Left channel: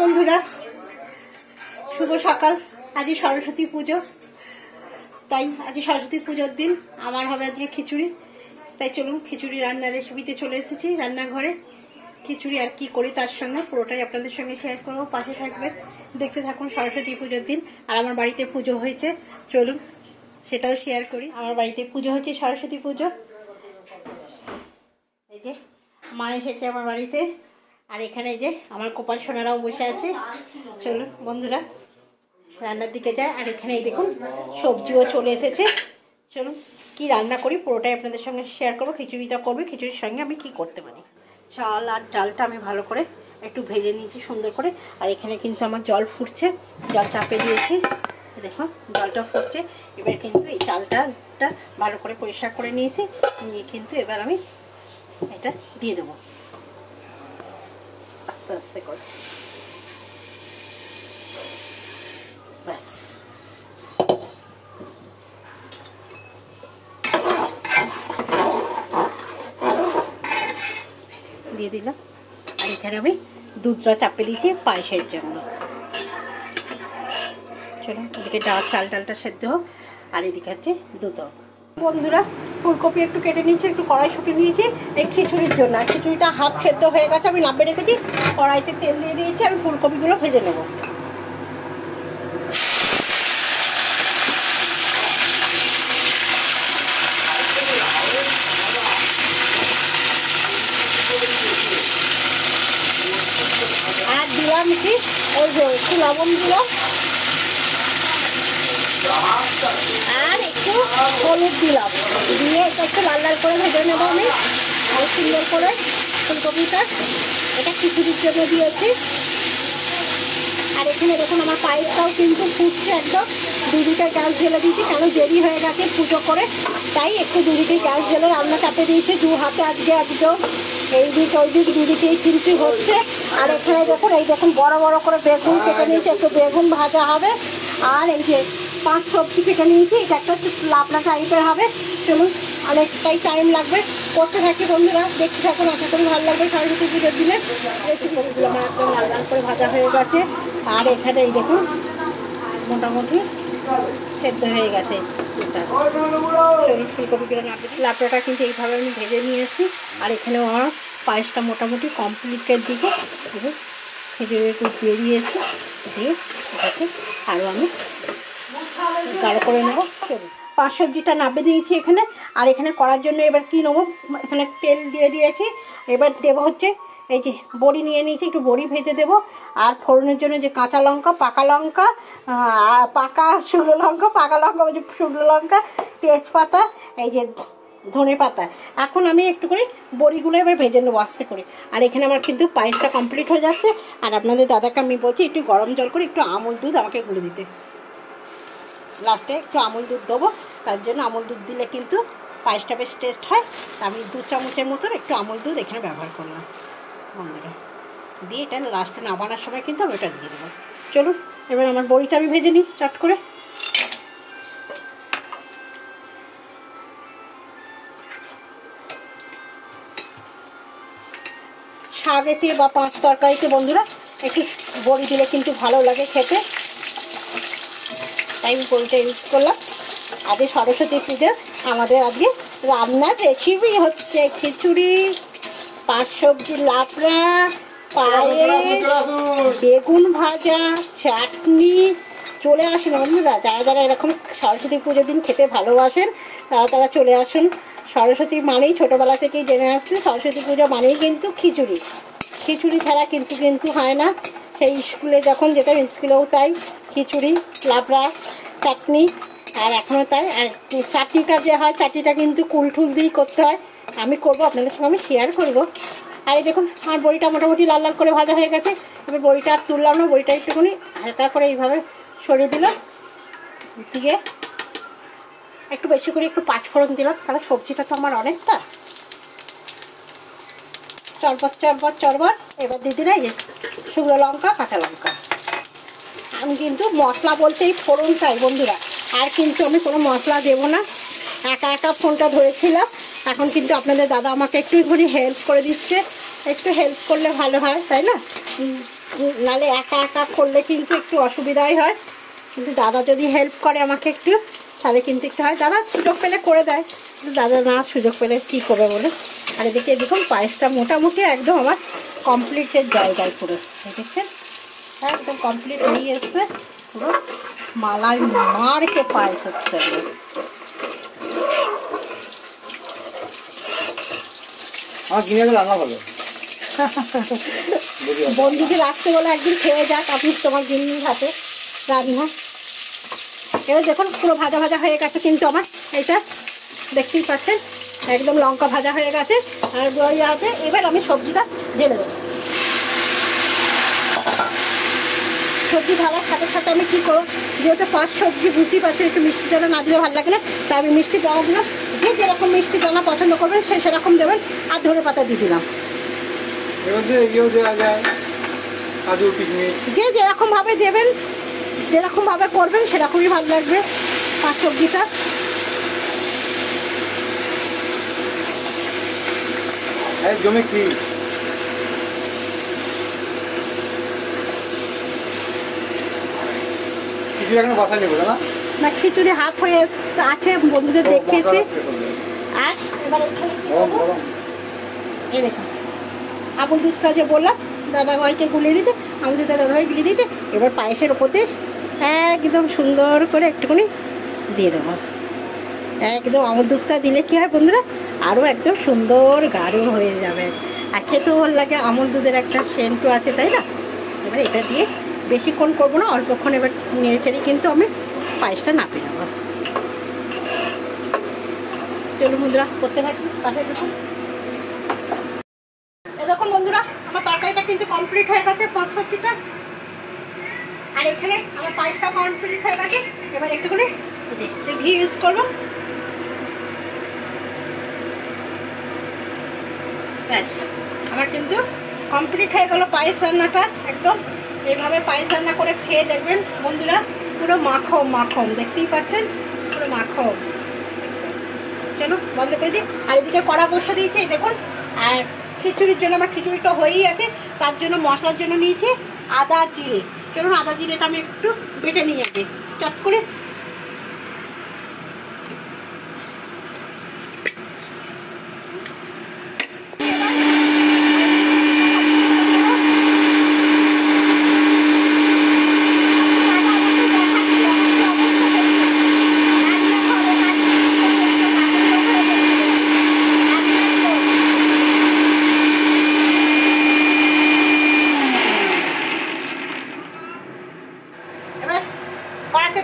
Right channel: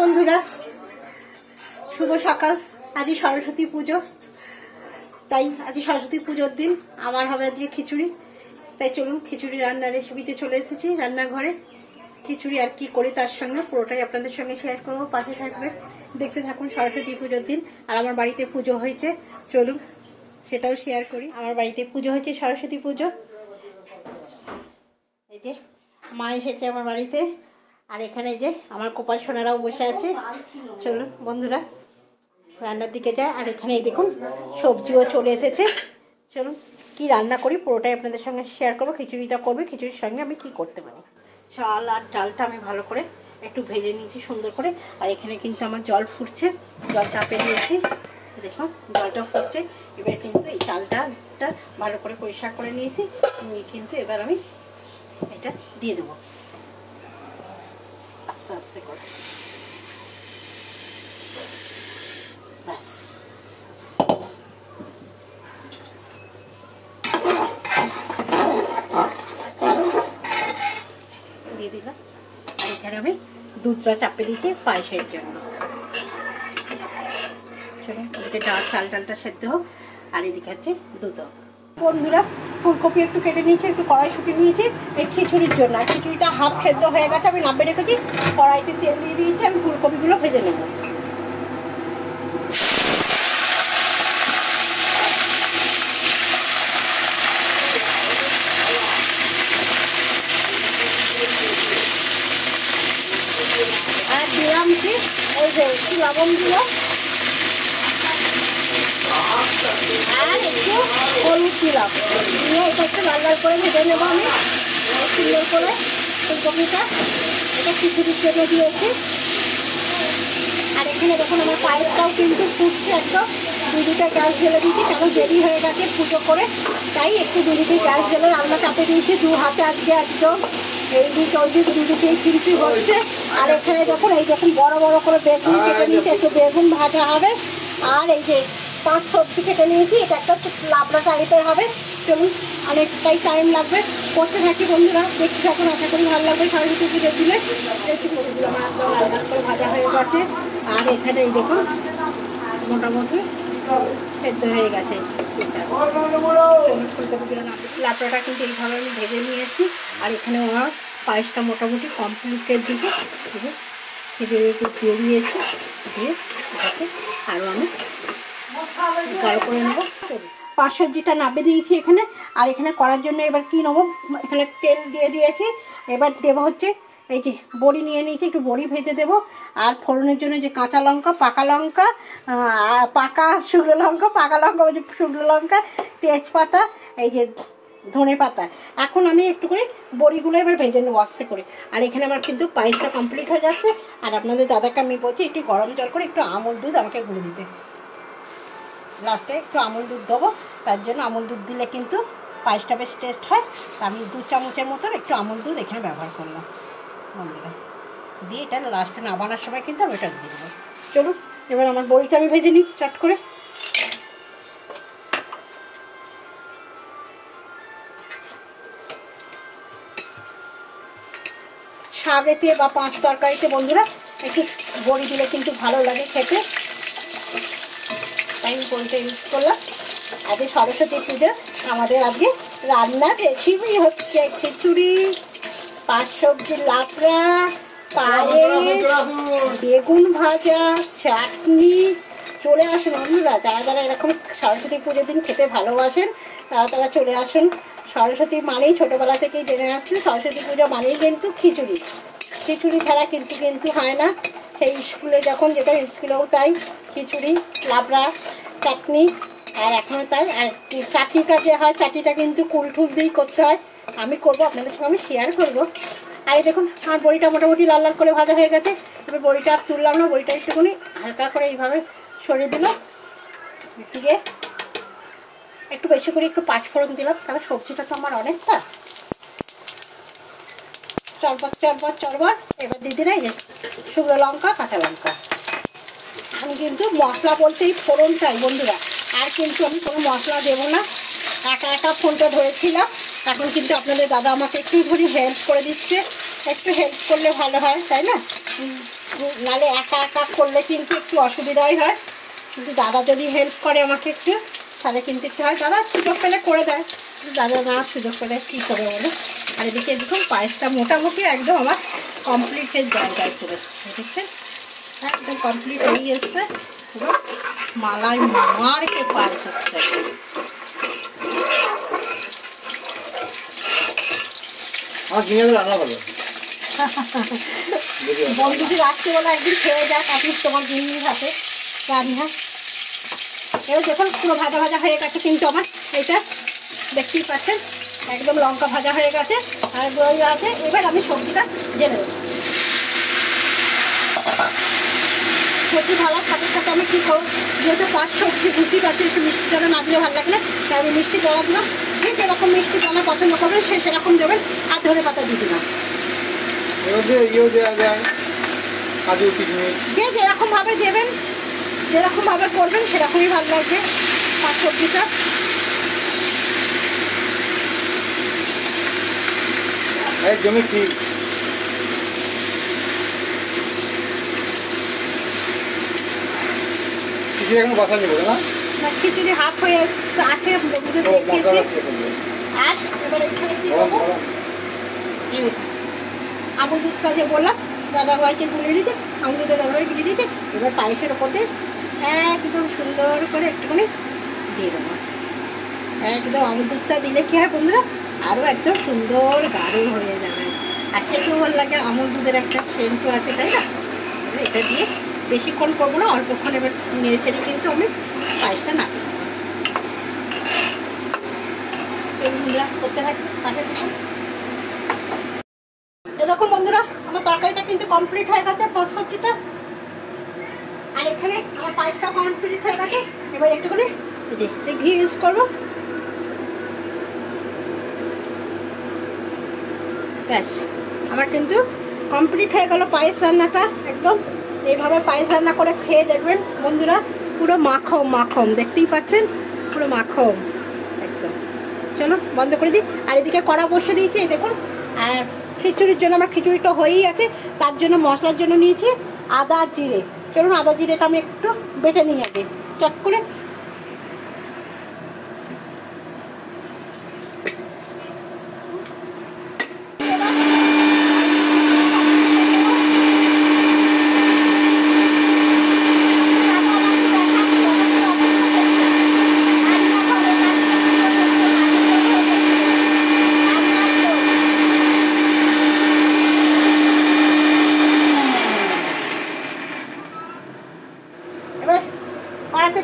বন্ধুরা, শুভ সকাল। আজই সরস্বতী পুজো, তাই আজ সরস্বতী পুজোর দিন আমার হবে আজকে খিচুড়ি। তাই চলুন খিচুড়ি রান্নার রেসিপিতে চলে এসেছি রান্নাঘরে। খিচুড়ি আর কি করি তার সঙ্গে পুরোটাই আপনাদের সঙ্গে শেয়ার করবো, পাশে থাকবেন, দেখতে থাকুন। সরস্বতী পুজোর দিন আর আমার বাড়িতে পুজো হয়েছে, চলুন সেটাও শেয়ার করি। আমার বাড়িতে পুজো হয়েছে সরস্বতী পুজো। এই যে মা এসেছে আমার বাড়িতে, আর এখানে যে আমার কপাল সোনারাও বসে আছে। চলুন বন্ধুরা রান্নার দিকে যায়। আর এখানে এই দেখুন সবজিও চলে এসেছে। চলুন কি রান্না করি পুরোটাই আপনাদের সঙ্গে শেয়ার করবো। খিচুড়িটা করবে, খিচুড়ির সঙ্গে আমি কি করতে পারি। চাল আর ডালটা আমি ভালো করে একটু ভেজে নিয়েছি সুন্দর করে। আর এখানে কিন্তু আমার জল ফুটছে, জল চাপে দিয়েছি, দেখুন জলটা ফুটছে। এবার কিন্তু এই চালটা ভালো করে পরিষ্কার করে নিয়েছি, নিয়ে কিন্তু এবার আমি এটা দিয়ে দেবো আস্তে আস্তে করে। ব্যাস দিয়ে দিলাম। আর এখানে আমি দুধটা চাপে দিয়েছি পায়েসের জন্য। চলুন এদিকে চালটা সেদ্ধ হোক, আর এদিকে হচ্ছে দুধ হোক। বন্ধুরা ফুলকপি একটু কেটে নিয়েছি, একটু কড়াইশুঁটি নিয়েছি এই খিচুড়ির জন্য। আর খিচুড়িটা হাফ সেদ্ধ হয়ে গেছে, আমি নামিয়ে রেখেছি। কড়াইতে তেল দিয়ে দিয়েছি, আমি ফুলকপিগুলো ভেজে নেব। আর দিলাম কি এই যে একটু লবণ দিলাম, আর একটু হলুদ দিলাম, দিয়ে এটা একটু লাল লাল করে ভেজে নেবো আমি সুন্দর করে। ফুলকপিটা এটা খিচুড়ির জন্য দিয়েছি। আর এখানে দেখুন আমার পায়েসটাও কিন্তু ফুটছে একদম। দুদিকে গ্যাস জ্বেলে দিয়েছি, কেন দেরি হয়ে গেছে পুজো করে, তাই একটু দুদিকে গ্যাস জ্বেলে রান্না চাপে দিয়েছি। দু হাতে আজকে একদম এই দিক ওই দিক দুদিকেই কিন্তু হচ্ছে। আর এখানে দেখুন এই দেখুন বড় বড় করে বেগুন কেটে নিয়েছি, একটু বেগুন ভাজা হবে। আর এই যে 5 সবজি কেটে নিয়েছি, এটা একটা লাবড়া টাইপের হবে। চলুন অনেকটাই টাইম লাগবে, করতে থাকি বন্ধুরা, দেখতে থাকুন, আশা করি ভালো লাগবে। সরস্বতী পুজোর দিনে রেসিপিগুলো আমার একদম লাল লাল করে ভাজা হয়ে গেছে। আর এখানে এই দেখুন মোটামুটি সেদ্ধ হয়ে গেছে। ফুলকপি লাবড়াটা কিন্তু এইভাবে আমি ভেজে নিয়েছি। আর এখানে আমার পায়েসটা মোটামুটি কমপ্লিটের দিকে খেজুরের দুধ দিয়ে দিয়েছি, দিয়ে এটাকে আরও আমি গাঢ় করে নেবো। 5 সবজিটা নামিয়ে দিয়েছি এখানে। আর এখানে করার জন্য এবার কি নেবো, এখানে তেল দিয়ে দিয়েছি। এবার দেবো হচ্ছে এই যে বড়ি নিয়ে নিয়েছি, একটু বড়ি ভেজে দেবো। আর ফোড়নের জন্য যে কাঁচা লঙ্কা, পাকা লঙ্কা, শুকনো লঙ্কা, তেজপাতা, এই যে ধনে পাতা। এখন আমি একটু করে বড়িগুলো এবার ভেজে নেবো আস্তে করে। আর এখানে আমার কিন্তু পায়েসটা কমপ্লিট হয়ে যাচ্ছে। আর আপনাদের দাদাকে আমি বলছি একটু গরম জল করে একটু আমুল দুধ আমাকে গুলে দিতে। লাস্টে একটু আমুল দুধ দেবো, তার জন্য আমুল দুধ দিলে কিন্তু পায়েসটা বেশ টেস্ট হয়। আমি 2 চামচের মতন একটু আমুল দুধ এখানে ব্যবহার করলাম বন্ধুরা, দিয়ে এটা লাস্টে নামানোর সময় কিন্তু আমি এটা দিয়ে দেবো। চলুন এবার আমার বড়িটা আমি ভেজে নিই চট করে। শাকেতে বা 5 তরকারিতে বন্ধুরা একটু বড়ি দিলে কিন্তু ভালো লাগে খেতে, তাই বড়িটা ইউজ করলাম। আজকে সরস্বতী পুজো আমাদের আজকে রান্নার রেসিপি হচ্ছে খিচুড়ি, 5 সবজির লাবড়া, পায়েস, বেগুন ভাজা, চাটনি। চলে আসুন বন্ধুরা, যারা যারা এরকম সরস্বতী পুজোর দিন খেতে ভালোবাসেন তারা চলে আসুন। সরস্বতী মানেই ছোটোবেলা থেকেই জেনে আসছে, সরস্বতী পুজো মানেই কিন্তু খিচুড়ি। খিচুড়ি ছাড়া কিন্তু হয় না। সেই স্কুলে যখন যেতাম স্কুলেও তাই খিচুড়ি, লাবড়া, চাটনি। আর এখনও তাই। আর চাটনিটা যে হয়, চাটনিটা কিন্তু কুলঠুল দিয়েই করতে হয়। আমি করবো, আপনাদের সঙ্গে আমি শেয়ার করবো। আর এই দেখুন আমার বড়িটা মোটামুটি লাল লাল করে ভাজা হয়ে গেছে। আমি বড়িটা আর তুললাম না, বড়িটা একটুখানি হালকা করে এইভাবে সরিয়ে দিলাম, দিয়ে একটু বেশি করে একটু 5 ফোড়ন দিলাম, তাহলে সবজিটা তো আমার অনেকটা। চরবার এবার দিয়ে দিলে এই যে শুকনো লঙ্কা, কাঁচা লঙ্কা। আমি কিন্তু মশলা বলতে এই ফোড়নটাই বন্ধুরা, আর কিন্তু আমি কোনো মশলা দেবো না। একা একা ফোনটা ধরেছিলাম, এখন কিন্তু আপনাদের দাদা আমাকে একটু হেল্প করে দিচ্ছে। একটু হেল্প করলে ভালো হয়, তাই না? নাহলে একা একা করলে কিন্তু একটু অসুবিধাই হয়, কিন্তু দাদা যদি হেল্প করে আমাকে একটু তাহলে কিন্তু একটু হয়, দাদা সুযোগ পেলে করে দেয়, দাদা না সুযোগ পেলে কী করবে বলে। আর এদিকে দেখুন পায়েসটা মোটামুটি একদম আমার কমপ্লিটের জায়গায় পুরো দেখছেন, একদম কমপ্লিট হয়ে এসছে, পুরো মালাই মারকে পায়েস হচ্ছে একদম। বন্ধুদের রাখতে বলে একদিন খেয়ে যাক আপনি তোমার জিনিস হাতে রান্না। এবার দেখুন পুরো ভাজা ভাজা হয়ে গেছে কিন্তু আমার এটা দেখতেই পাচ্ছেন একদম লঙ্কা ভাজা হয়ে গেছে আর দই আছে। এবার আমি সবজিটা ঢেলে দেবো। সবজি ঢালার সাথে সাথে আমি কী করবো, যেহেতু পাঁচ সবজি বুঝতেই পারছি একটু মিষ্টি দানা না দিলে ভালো লাগে না, তাই আমি মিষ্টি দানা দিলাম। যে যেরকম মিষ্টি দানা পছন্দ করবেন সে সেরকম দেবেন, আর ধনে পাতা দিয়ে দিলাম। যে যেরকমভাবে দেবেন যেরকমভাবে করবেন সেরকমই ভালো লাগবে পাঁচ সবজিটা। জমি কি খিচুড়ি এখন বাসা নেবো না, খিচুড়ি হাফ হয়ে আছে বন্ধুদের দেখিয়েছি। আর এবার এখানে কি করবো, এই দেখুন আমুল দুধটা যে বললাম দাদাভাইকে গুলিয়ে দিতে, আমুল দুধটা দাদাভাই গুলিয়ে দিতে, এবার পায়েসের ওপরতে একদম সুন্দর করে একটুখানি দিয়ে দেবো। একদম আমুল দুধটা দিলে কী হয় বন্ধুরা, আরও একদম সুন্দর গাঢ় হয়ে যাবে, আর খেতেও ভালো লাগে, আমুল দুধের একটা সেন্টও আছে তাই না। এবার এটা দিয়ে বেশিক্ষণ করবো না, অল্পক্ষণ এবার নেড়ে চেড়ে কিন্তু আমি পায়েসটা নামিয়ে দেবো। চলুন বন্ধুরা করতে থাকি পাশে দেখুন। দেখুন বন্ধুরা আমার তরকারিটা কিন্তু কমপ্লিট হয়ে গেছে পাঁচ সবজিটা, আর এখানে আমার পায়েসটা কমপ্লিট হয়ে গেছে। এবার একটুখানি ঘি ইউজ করবো, ব্যাস আমার কিন্তু কমপ্লিট হয়ে গেল পায়েস রান্নাটা। একদম এইভাবে পায়েস রান্না করে খেয়ে দেখবেন বন্ধুরা, পুরো মাখন মাখন দেখতেই পাচ্ছেন, পুরো মাখন একদম। চলো বন্ধ করে দিই। আর এদিকে কড়া বসে দিয়েছি এই দেখুন। আর খিচুড়ির জন্য আমার খিচুড়িটা হয়েই আছে, তার জন্য মশলার জন্য নিয়েছি আদা জিরে। চলুন আদা জিরেটা আমি একটু বেটে নিয়ে যাবে চট করে।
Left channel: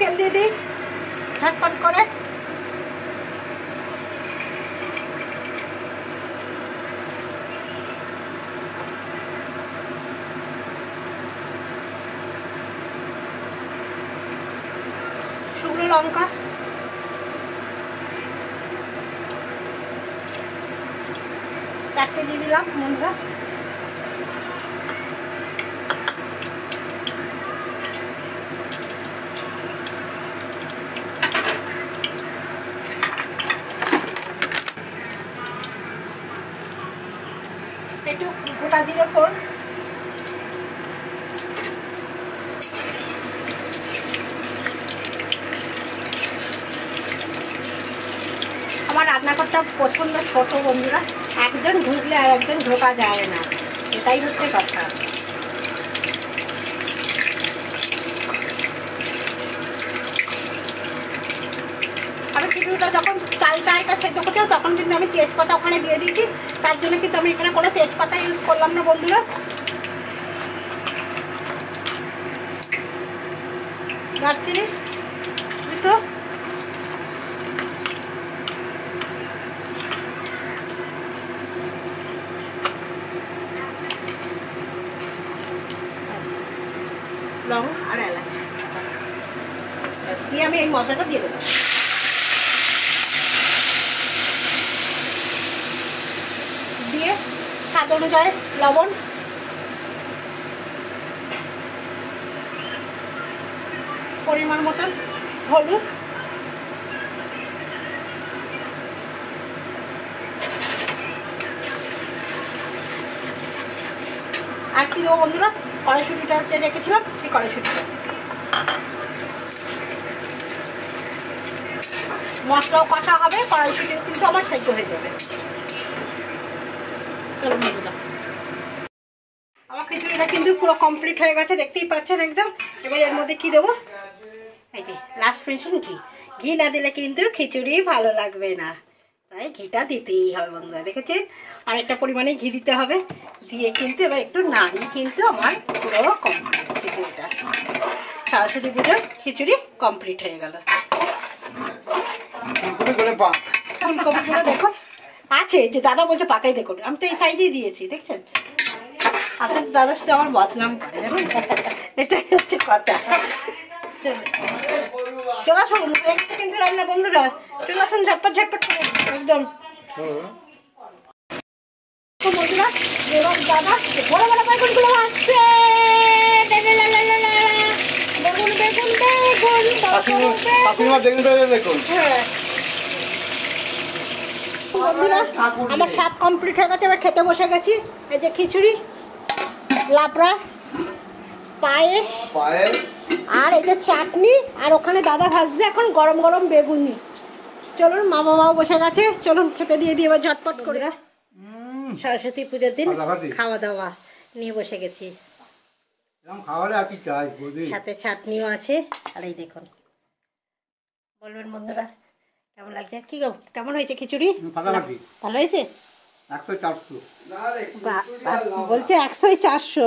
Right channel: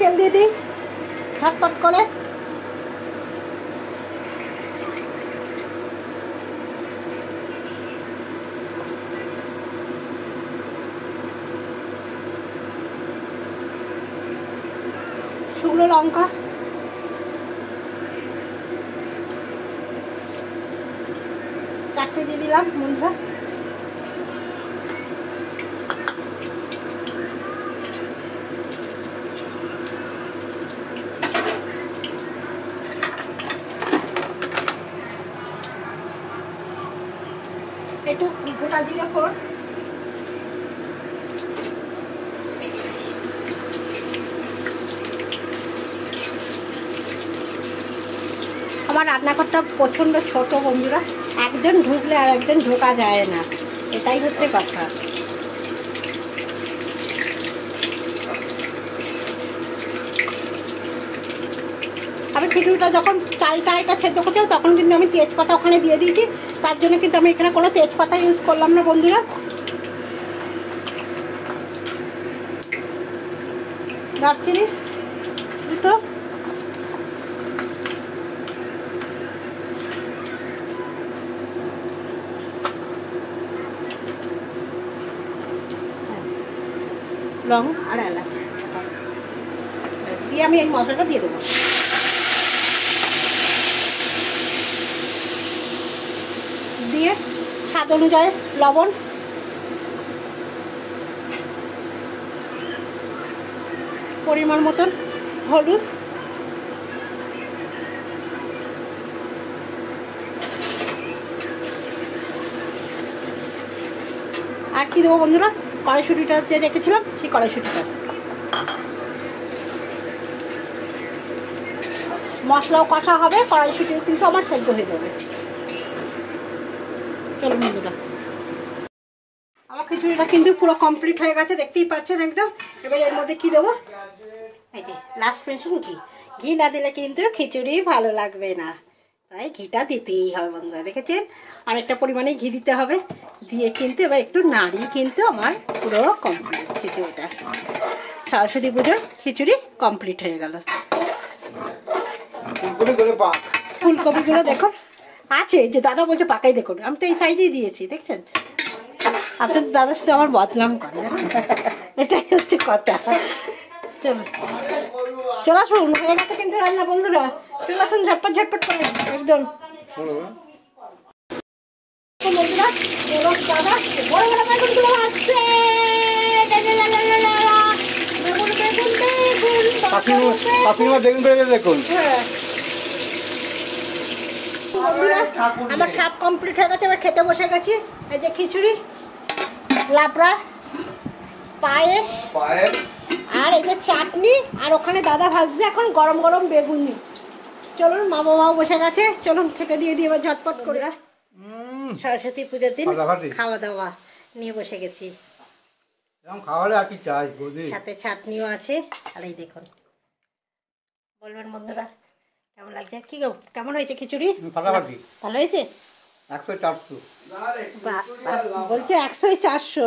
তেল দিয়ে দিই ঝটপট করে। শুকনো লঙ্কা, চারটে দিয়ে দিলাম বন্ধুরা। একটু গোটা জিরে ফোড়ন, আমার রান্নাঘরটা প্রচণ্ড ছোট বন্ধুরা, একজন ঢুকলে আর একজন ঢোকা যায় না, এটাই হচ্ছে কথা। আমি খিচুড়িটা যখন চালটা এটা সেদ্ধ করছিলাম তখন কিন্তু আমি তেজপাতা ওখানে দিয়ে দিয়েছি, তার জন্য কিন্তু আমি এখানে কোনো তেজপাতা ইউজ করলাম না বন্ধুরা। দারচিনি দুটো, লং আর এলাচ দিয়ে আমি এই মশলাটা দিয়ে দেবো। দিয়ে স্বাদ অনুযায়ী লবণ, পরিমাণ মতন হলুদ, আর কি দেবো বন্ধুরা, কড়াইশুঁটিটা যে রেখেছিলাম সেই কড়াইশুঁটিটা। মশলাও কষা হবে, কড়াইশুঁটিও কিন্তু আমার সেদ্ধ হয়ে যাবে। চলো বন্ধুরা, আমার খিচুড়িটা কিন্তু পুরো কমপ্লিট হয়ে গেছে, দেখতেই পাচ্ছেন একদম। এবার এর মধ্যে কি দেবো, এই যে লাস্ট ফিনিশিং ঘি। ঘি না দিলে কিন্তু খিচুড়ি ভালো লাগবে না, তাই ঘিটা দিতেই হবে বন্ধুরা, দেখেছেন। আর একটা পরিমাণে ঘি দিতে হবে, দিয়ে কিন্তু এবার একটু নাড়িয়ে কিন্তু আমার পুরো কমপ্লিট খিচুড়িটা। সরস্বতী পুজোর খিচুড়ি কমপ্লিট হয়ে গেল। ফুলকপিগুলো দেখো আছে, যে দাদা বলছে পাকাই দেখুন, আমি তো এই সাইজেই দিয়েছি, দেখছেন। আপনার দাদার সাথে আমার বদনাম করে, জানো, এটাই হচ্ছে কথা। চলে আসুন, হয়ে গেছে কিন্তু রান্না বন্ধুরা, চলে আসুন ঝটপট ঝটপট করে একদম। বন্ধুরা দাদা বড় বড় বেগুনগুলো আসছে, বেগুন বেগুন বেগুন দেখুন। হ্যাঁ বন্ধুরা, আমার সব কমপ্লিট হয়ে গেছে, এবার খেতে বসে গেছি। এই যে খিচুড়ি, লাবড়া, পায়েস, আর এই যে চাটনি, আর ওখানে দাদা ভাজছে এখন গরম গরম বেগুনি। চলুন, মা বাবাও বসে গেছে, চলুন খেতে দিয়ে দিয়ে ঝটপট করে। সরস্বতী পুজোর দিন খাওয়া দাওয়া নিয়ে বসে গেছি, সাথে চাটনিও আছে। আর এই দেখুন, বলবেন বন্ধুরা কেমন লাগছে, কি গো কেমন হয়েছে খিচুড়ি? ভালো হয়েছে? 100-400 বলছে, 100-400।